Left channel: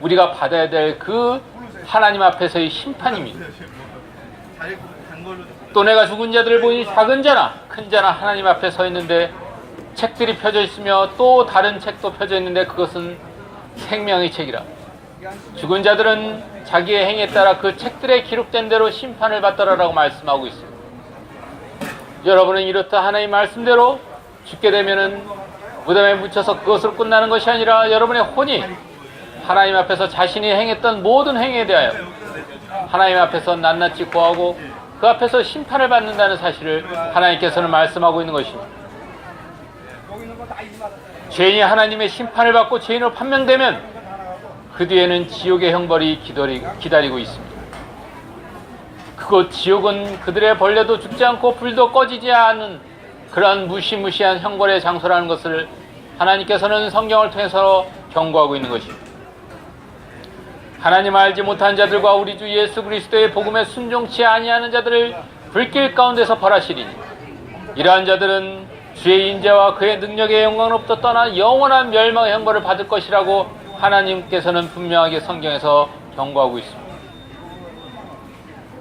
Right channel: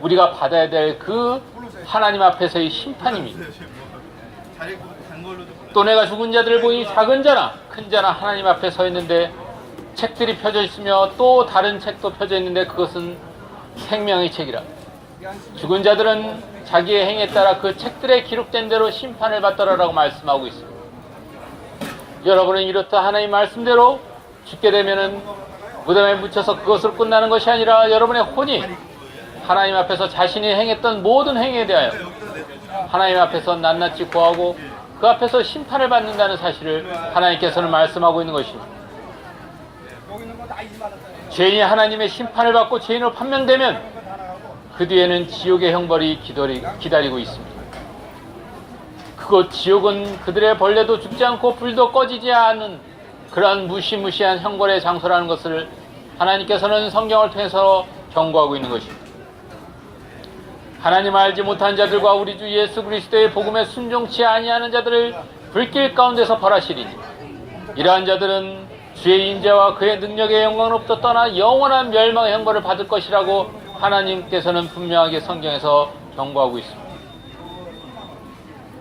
우리가 받아야 될 그 하나님 앞에서의 심판입니다. 또 내가 죽은 자들을 보니 작은 자나 큰 자나 하나님 앞에 서 있는데 책들이 펴져 있으며 또 다른 책도 펴져 있는데 그것은 생명의 책이라. 죽은 자들은 자기의 행에 따라 그 책들에 기록된 대로 심판을 받더라라고 말씀하고 있습니다. 여러분은 이렇다 하나님 말씀대로 죽게 되면은 무덤에 묻혀서 그것으로 끝나는 것이 아니라 여러분의 혼이 하나님 앞에서 자신이 행했던 모든 행위에 대하여 하나님 앞에서 낱낱이 고하고 그 앞에서 심판을 받는다는 사실을 하나님께서는 말씀하고 있는 것입니다. 죄인이 하나님의 심판을 받고 죄인으로 판명되면 그 뒤에는 지옥의 형벌이 기다리고 있습니다. 그곳 지옥은 그들의 벌레도 죽지 않고 불도 꺼지지 않는 그런 무시무시한 형벌의 장소라는 것을 하나님께서는 성경을 통해서 경고하고 있는 것입니다. 하나님 알지 못한 자들과 우리 주 예수 그리스도의 복음에 순종치 아니하는 자들을 불길 가운데서 벌하시리니 이러한 자들은 주의 인자와 그의 능력의 영광으로부터 떠나 영원한 멸망의 형벌을 받을 것이라고 하나님께서는 분명하게 성경에서 경고하고 있습니다.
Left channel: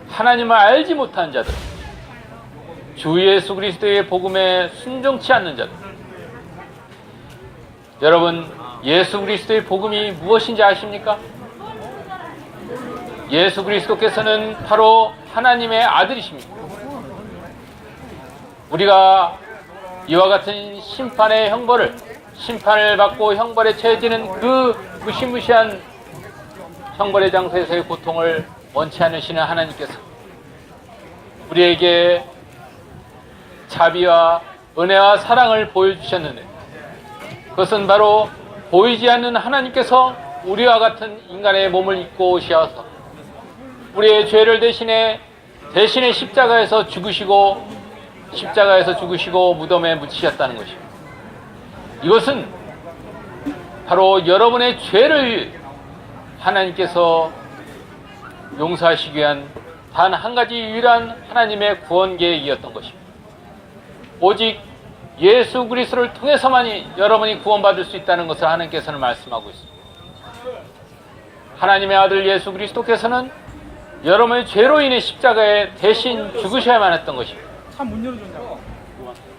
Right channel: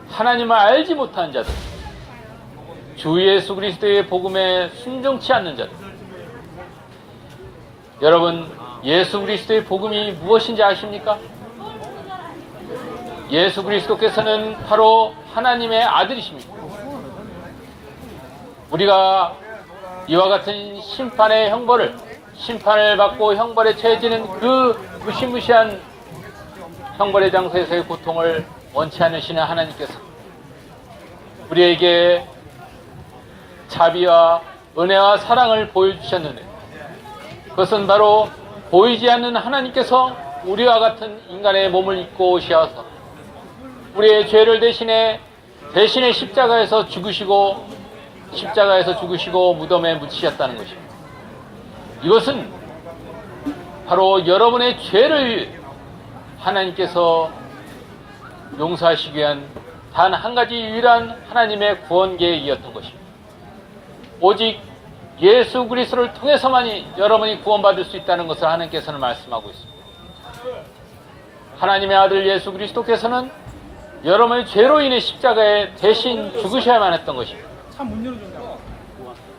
하나님을 알지 못한 자들, 주 예수 그리스도의 복음에 순종치 않는 자들. 여러분, 예수 그리스도의 복음이 무엇인지 아십니까? 예수 그리스도께서는 바로 하나님의 아들이십니다. 우리가 이와 같은 심판의 형벌을, 심판을 받고 형벌에 처해지는 그 무시무시한 형벌의 장소에서의 고통을 원치 않으시는 하나님께서 우리에게 자비와 은혜와 사랑을 보여주셨는데 그것은 바로 보이지 않는 하나님께서 우리와 같은 인간의 몸을 입고 오셔서 우리의 죄를 대신에 십자가에서 죽으시고 무덤에 묻히셨다는 것입니다. 이것은 바로 여러분의 죄를 하나님께서 용서하시기 위한 단 한 가지 유일한 하나님의 구원 계획이었던 것입니다. 오직 예수 그리스도를 통해서만이 여러분이 구원받을 수 있다는 것을 하나님께서는 말씀하고 있습니다. 하나님의 아들 예수 그리스도께서는 여러분의 죄로 인해 십자가에 대신 죽으셔야만 했던 것입니다.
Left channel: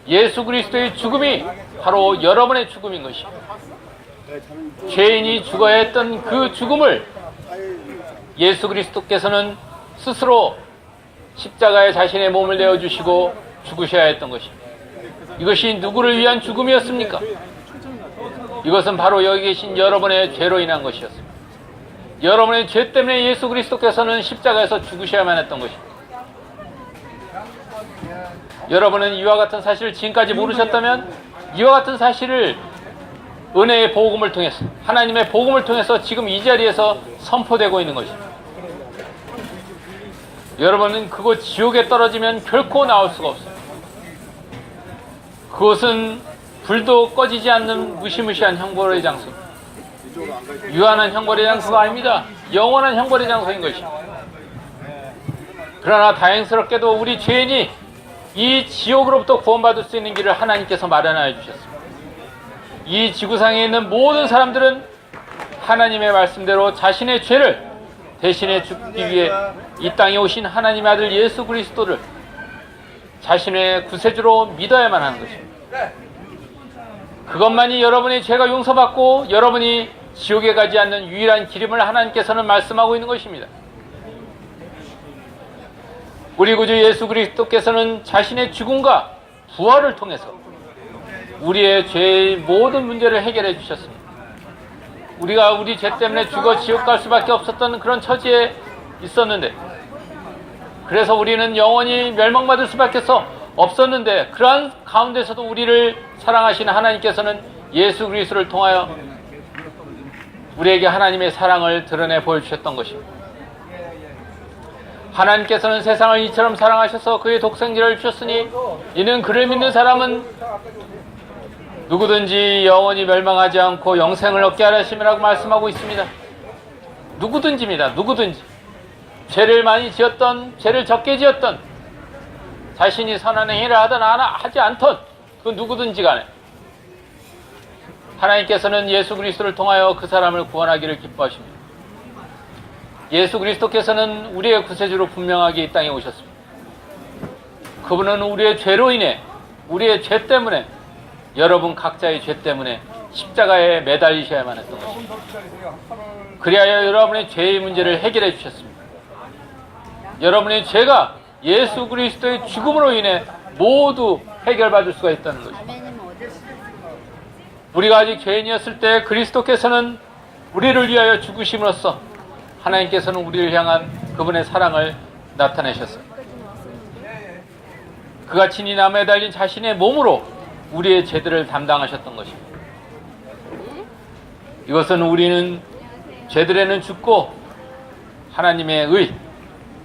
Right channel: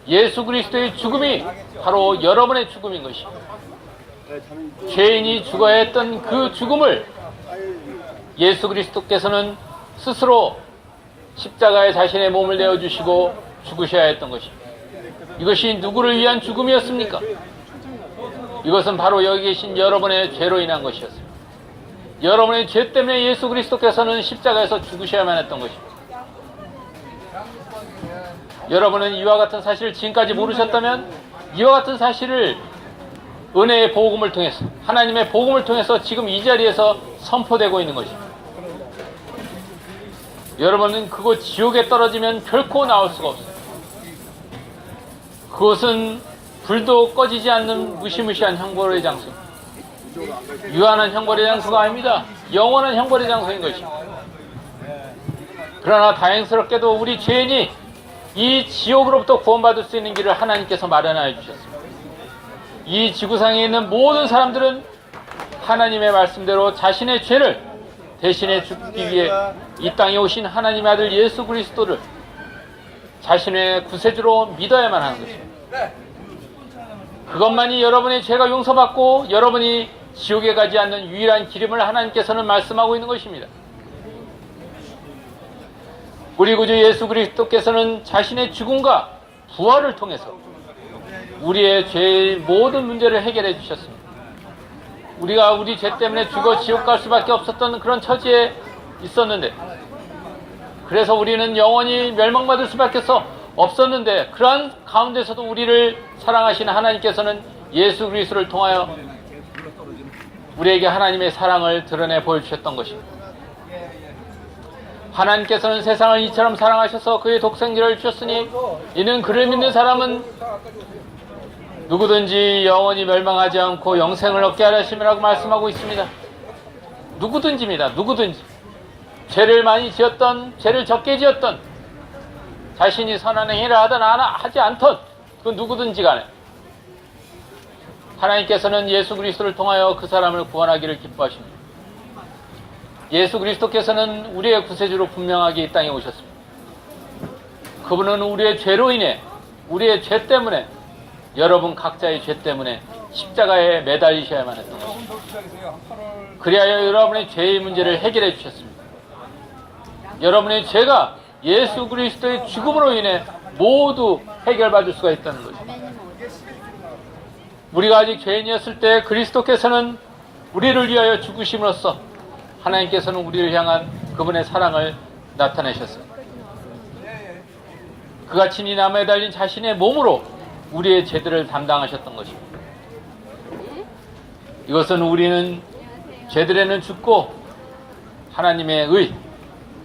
예수 그리스도의 죽음이 바로 여러분의 죽음인 것입니다. 죄인이 죽어야 했던 그 죽음을 예수 그리스도께서는 스스로 십자가에 자신의 몸을 내어주시고 죽으셔야 했던 것입니다. 이것이 누구를 위한 죽음이었습니까? 이것은 바로 여기 계신 여러분의 죄로 인한 것이었습니다. 여러분의 죄 때문에 예수 그리스도께서는 십자가에서 죽으셔야만 했던 것입니다. 여러분은 이와 같은 사실을 지금까지 모르셨다면 이와 같은 사실을 은혜의 복음을 통해서, 하나님의 복음을 통해서 지금 이 자리에서 선포되고 있는 것입니다. 여러분은 그곳 지옥에 떨어지면 결코 나올 수가 없어요. 그것은 불도 꺼지지 않는 무시무시한 형벌의 장소, 유한한 형벌의 장소가 아닙니다. 영원한 형벌의 장소인 것입니다. 그러나 다행스럽게도 우리 죄인이 이 지옥으로부터 구원받을 수 있는 길을 하나님께서 마련하여 주셨습니다. 이 지구상에 있는 모든 사람들은 하나님의 말씀대로 자신의 죄를 대신해 죽기 위해 이 땅에 오신 하나님의 아들 예수 그리스도를 자신의 구세주로 믿어야만 하는 것입니다. 그것만이 여러분의 죄가 용서받고 여러분이 지옥에 가지 않는 유일한 길임을 하나님께서는 말씀하고 있는 것입니다. 우리 구주 예수 그리스도께서는 자신의 죽음과 부활을 통해서 우리의 죄의 모든 문제를 해결해 주셨습니다. 우리가 우리 죄 때문에 죽어 지옥 갈 수밖에 없었던 그런 처지에 있었는데, 그래서 우리는 영원히 멸망받을 수밖에 없었는데, 그러한 가운데서도 우리를 사랑하시는 하나님께서는 예수 그리스도를 통하여 우리에게 하나님의 사랑을 드러내 보여주셨던 것입니다. 하나님께서는 세상을 이처럼 사랑하셔서 그의 독생자를 주셨으니 이는 그를 믿는 사람은 누구든지 영원히 멸망하지 않고 영생을 얻게 하려 하심이라고 말씀하고 있습니다. 누구든지입니다. 누구든지. 죄를 많이 지었던, 죄를 적게 지었던, 자신이 선한 행위를 하든 하지 않던 그 누구든지 간에 하나님께서는 예수 그리스도를 통하여 그 사람을 구원하기를 기뻐하십니다. 예수 그리스도께서는 우리의 구세주로 분명하게 이 땅에 오셨습니다. 그분은 우리의 죄로 인해, 우리의 죄 때문에, 여러분 각자의 죄 때문에 십자가에 매달리셔야만 했던 것입니다. 그리하여 여러분의 죄의 문제를 해결해 주셨습니다. 여러분의 죄가 예수 그리스도의 죽음으로 인해 모두 해결받을 수가 있다는 것입니다. 우리가 아직 죄인이었을 때 그리스도께서는 우리를 위하여 죽으심으로써 하나님께서는 우리를 향한 그분의 사랑을 나타내셨습니다. 그가 친히 나무에 달린 자신의 몸으로 우리의 죄들을 담당하셨던 것입니다. 이것은 우리는 죄들에는 죽고 하나님의 의,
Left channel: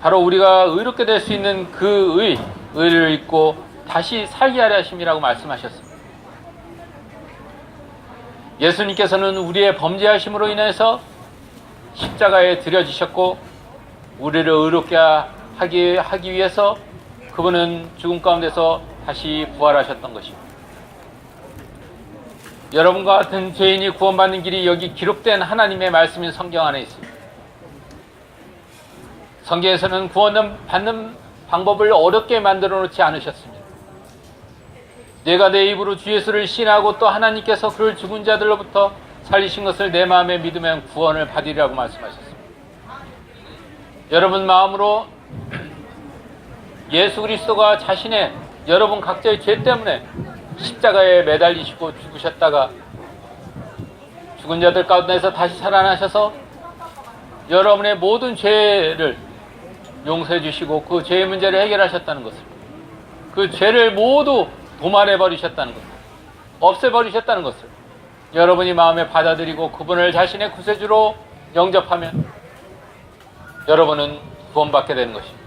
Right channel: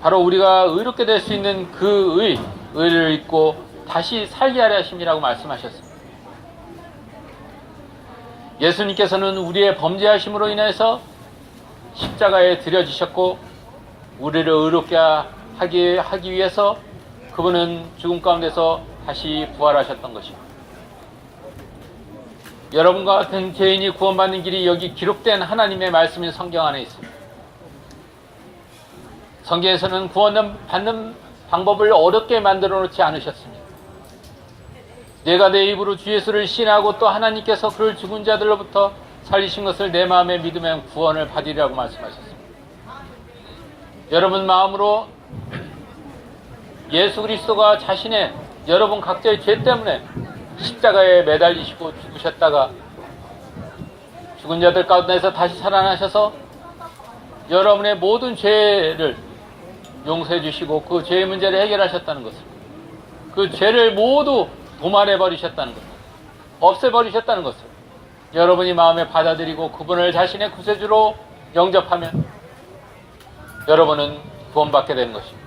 바로 우리가 의롭게 될 수 있는 그 의를 잊고 다시 살게 하려 하심이라고 말씀하셨습니다. 예수님께서는 우리의 범죄하심으로 인해서 십자가에 들여지셨고 우리를 의롭게 하기 위해서 그분은 죽음 가운데서 다시 부활하셨던 것입니다. 여러분과 같은 죄인이 구원받는 길이 여기 기록된 하나님의 말씀인 성경 안에 있습니다. 성경에서는 구원받는 방법을 어렵게 만들어 놓지 않으셨습니다. 내가 내 입으로 주 예수를 신하고 또 하나님께서 그를 죽은 자들로부터 살리신 것을 내 마음에 믿으면 구원을 받으리라고 말씀하셨습니다. 여러분 마음으로 예수 그리스도가 자신의 여러분 각자의 죄 때문에 십자가에 매달리시고 죽으셨다가 죽은 자들 가운데서 다시 살아나셔서 여러분의 모든 죄를 용서해 주시고 그 죄의 문제를 해결하셨다는 것을, 그 죄를 모두 도말해 버리셨다는 것, 없애 버리셨다는 것을 여러분이 마음에 받아들이고 그분을 자신의 구세주로 영접하면 여러분은 구원받게 되는 것입니다.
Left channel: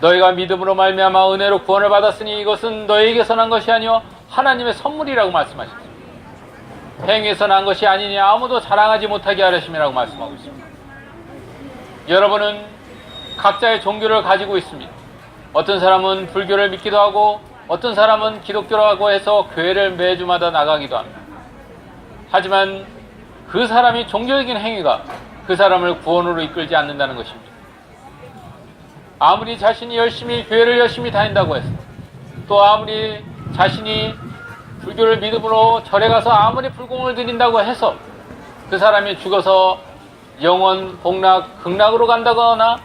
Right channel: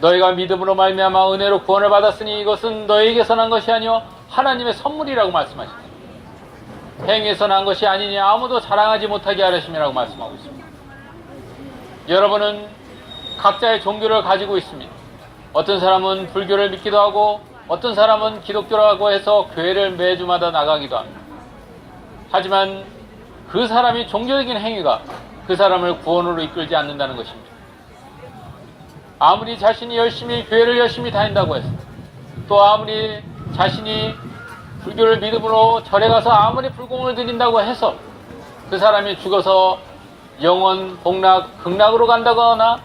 너희가 믿음으로 말미암아 은혜로 구원을 받았으니 이것은 너희에게서 난 것이 아니요 하나님의 선물이라고 말씀하셨습니다. 행위에서 난 것이 아니니 아무도 자랑하지 못하게 하려심이라고 말씀하고 있습니다. 여러분은 각자의 종교를 가지고 있습니다. 어떤 사람은 불교를 믿기도 하고 어떤 사람은 기독교라고 해서 교회를 매주마다 나가기도 합니다. 하지만 그 사람이 종교적인 행위가 그 사람을 구원으로 이끌지 않는다는 것입니다. 아무리 자신이 교회를 열심히 다닌다고 해서, 또 아무리 자신이 불교를 믿음으로 절에 가서 아무리 불공을 드린다고 해서 그 사람이 죽어서 영원 복락, 극락으로 간다거나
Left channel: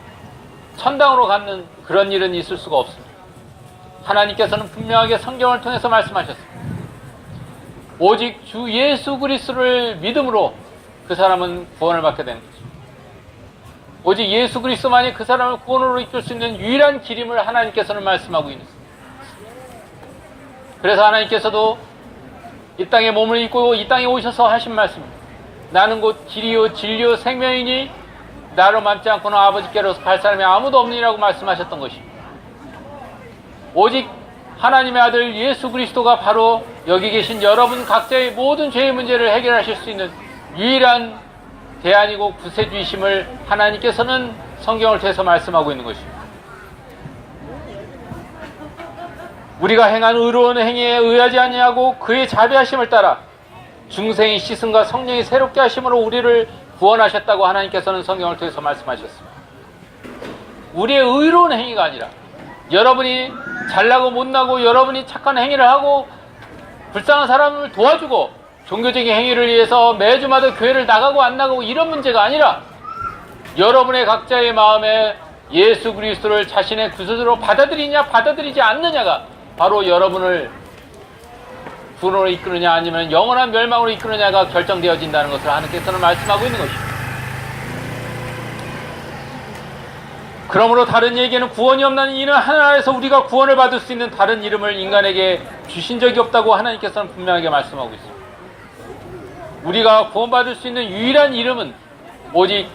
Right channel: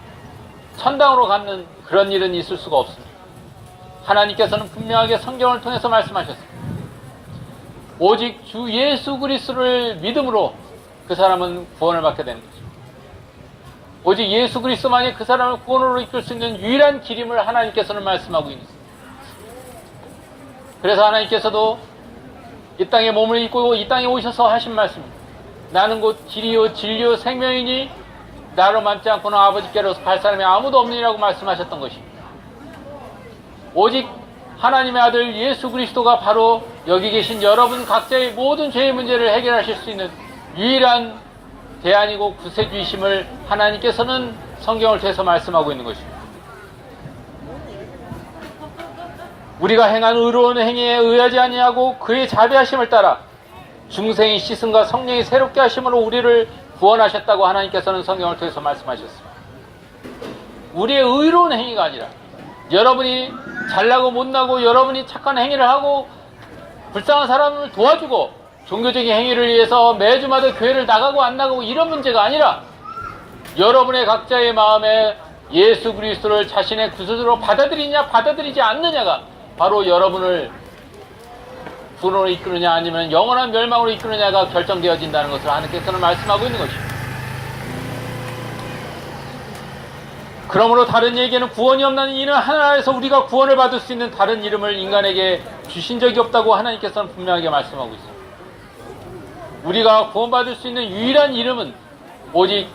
천당으로 가는 그런 일은 있을 수가 없습니다. 하나님께서는 분명하게 성경을 통해서 말씀하셨습니다. 오직 주 예수 그리스도를 믿음으로 그 사람은 구원을 받게 되는 것입니다. 오직 예수 그리스도만이 그 사람을 구원으로 이끌 수 있는 유일한 길임을 하나님께서는 말씀하고 있습니다. 그래서 하나님께서도 이 땅에 몸을 입고 이 땅에 오셔서 하신 말씀입니다. 나는 곧 길이요 진리요 생명이니 나로 맘지 않고는 아버지께로 갈 사람이 아무도 없느니라고 말씀하셨던 것입니다. 오직 하나님의 아들 예수 그리스도가 바로 여기 계신 여러분 각자의 모든 죄의 문제를 해결하실 수 있는 유일한 대안이고 구세주이심을 하나님께서는 성경을 통해서 말씀하고 있는 것입니다. 우리가 행한 의로운 행위에 의하지 아니하고 그의 자비하심을 따라 중생의 씻음과 성령이 새롭게 하심으로 우리를 구원하셨다고 하나님께서는 성경을 통해서 말씀하셨습니다. 우리의 의로운 행위가 아니라 여러분이 잘나고 못나고 여러분이 착한 행위를 하고 불쌍한 사람을 도와주고 종교적인 행위를 위해서 매주마다 교회를 나가고 안 나가고 이런 문제가 아니라 여러분의 각자의 마음에 예수 그리스도를 자신의 구세주로 받아들이냐 받아들이지 않느냐가 바로 여러분을 구원으로 이끄느냐 아니면 영원한 멸망으로 이끄느냐가 결정되어진다는 것을 하나님께서는 말씀하고 있는 것입니다. 그러므로 다른 얘기에는 구원이 없나니 이는 하나님에서 우리가 구원을 받을 수 있는 다른 이름을 인간에게 주신 적이 없다고 하나님께서는 분명하게 말씀하고 있습니다. 우리가 구원받을 수 있는 유일한 이름은 오직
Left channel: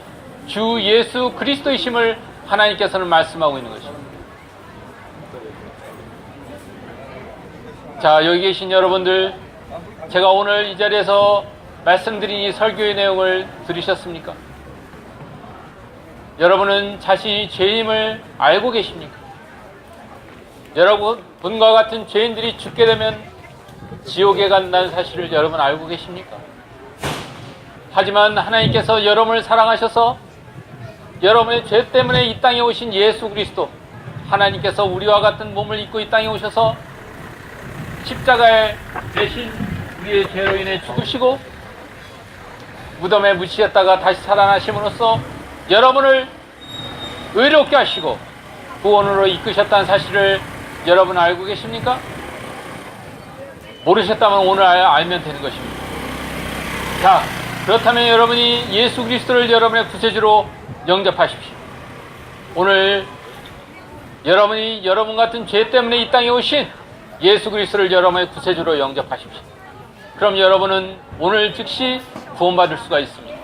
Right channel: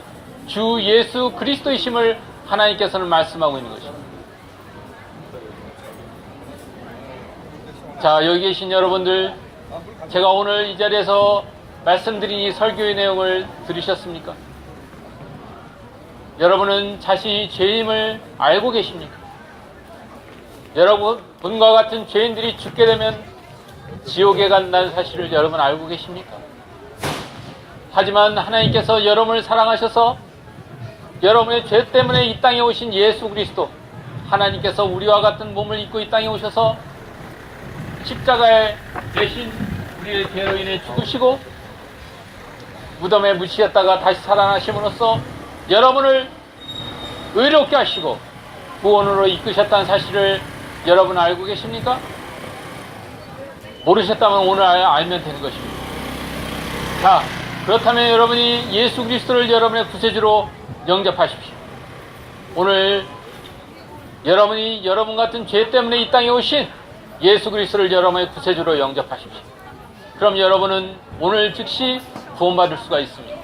주 예수 그리스도이심을 하나님께서는 말씀하고 있는 것입니다. 자, 여기 계신 여러분들, 제가 오늘 이 자리에서 말씀드린 이 설교의 내용을 들으셨습니까? 여러분은 자신이 죄임을 알고 계십니까? 여러분과 같은 죄인들이 죽게 되면 지옥에 간다는 사실을 여러분 알고 계십니까? 하지만 하나님께서 여러분을 사랑하셔서 여러분의 죄 때문에 이 땅에 오신 예수 그리스도, 하나님께서 우리와 같은 몸을 입고 이 땅에 오셔서 십자가에 대신 우리의 죄로 인해 죽으시고 무덤에 묻히셨다가 다시 살아나심으로써 여러분을 의롭게 하시고 구원으로 이끄셨다는 사실을 여러분 알고 계십니까? 모르셨다면 오늘 알면 되는 것입니다. 자, 그렇다면 여러분이 예수 그리스도를 여러분의 구세주로 영접하십시오. 오늘 여러분이 여러분 같은 죄 때문에 이 땅에 오신 예수 그리스도를 여러분의 구세주로 영접하십시오. 그럼 여러분은 오늘 즉시 구원받을 수가 있습니다.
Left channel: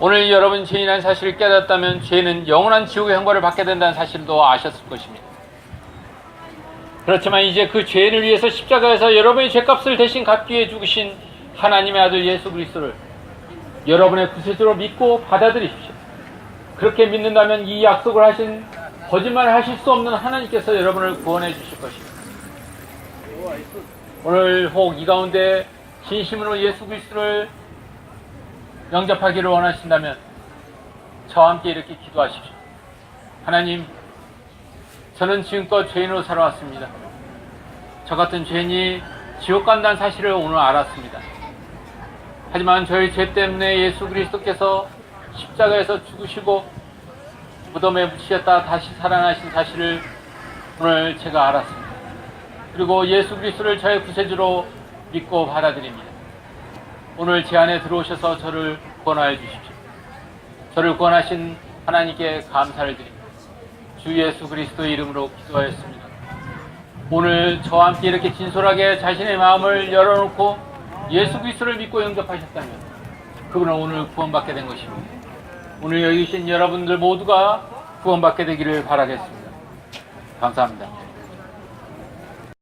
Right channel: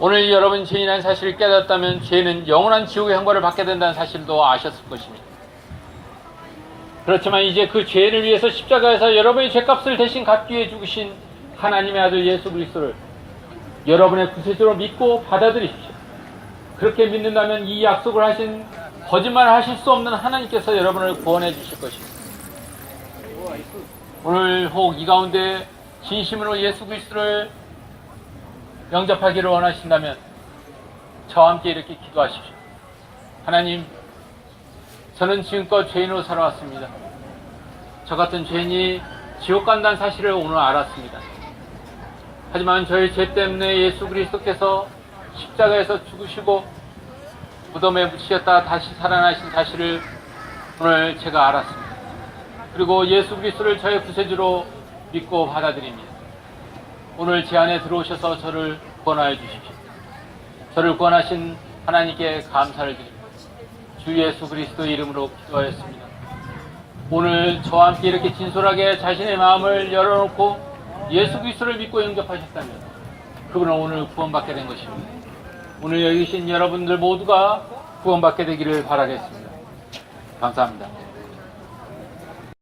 오늘 여러분 죄인이라는 사실을 깨닫다면 죄는 영원한 지옥의 형벌을 받게 된다는 사실도 아셨을 것입니다. 그렇지만 이제 그 죄를 위해서 십자가에서 여러분의 죄값을 대신 갚기 위해 죽으신 하나님의 아들 예수 그리스도를 여러분의 구세주로 믿고 받아들이십시오. 그렇게 믿는다면 이 약속을 하신, 거짓말을 하실 수 없는 하나님께서 여러분을 구원해 주실 것입니다. 오늘 혹 이 가운데 진심으로 예수 그리스도를 영접하기를 원하신다면 저와 함께 이렇게 기도하십시오. 하나님, 저는 지금껏 죄인으로 살아왔습니다. 저 같은 죄인이 지옥 간다는 사실을 오늘 알았습니다. 하지만 저희 죄 때문에 예수 그리스도께서 십자가에서 죽으시고 무덤에 묻히셨다가 다시 살아나신 사실을 오늘 제가 알았습니다. 그리고 예수 그리스도를 저의 구세주로 믿고 받아들입니다. 오늘 제 안에 들어오셔서 저를 구원하여 주십시오. 저를 구원하신 하나님께 감사를 드립니다. 주 예수 그리스도 이름으로 기도하였습니다. 오늘 저와 함께 이렇게 진솔하게 자신의 마음을 열어놓고 예수 그리스도를 믿고 영접하셨다면 그분은 오늘 구원받게 된 것입니다. 오늘 여기 계신 여러분들 모두가 구원받게 되기를 바라겠습니다. 감사합니다.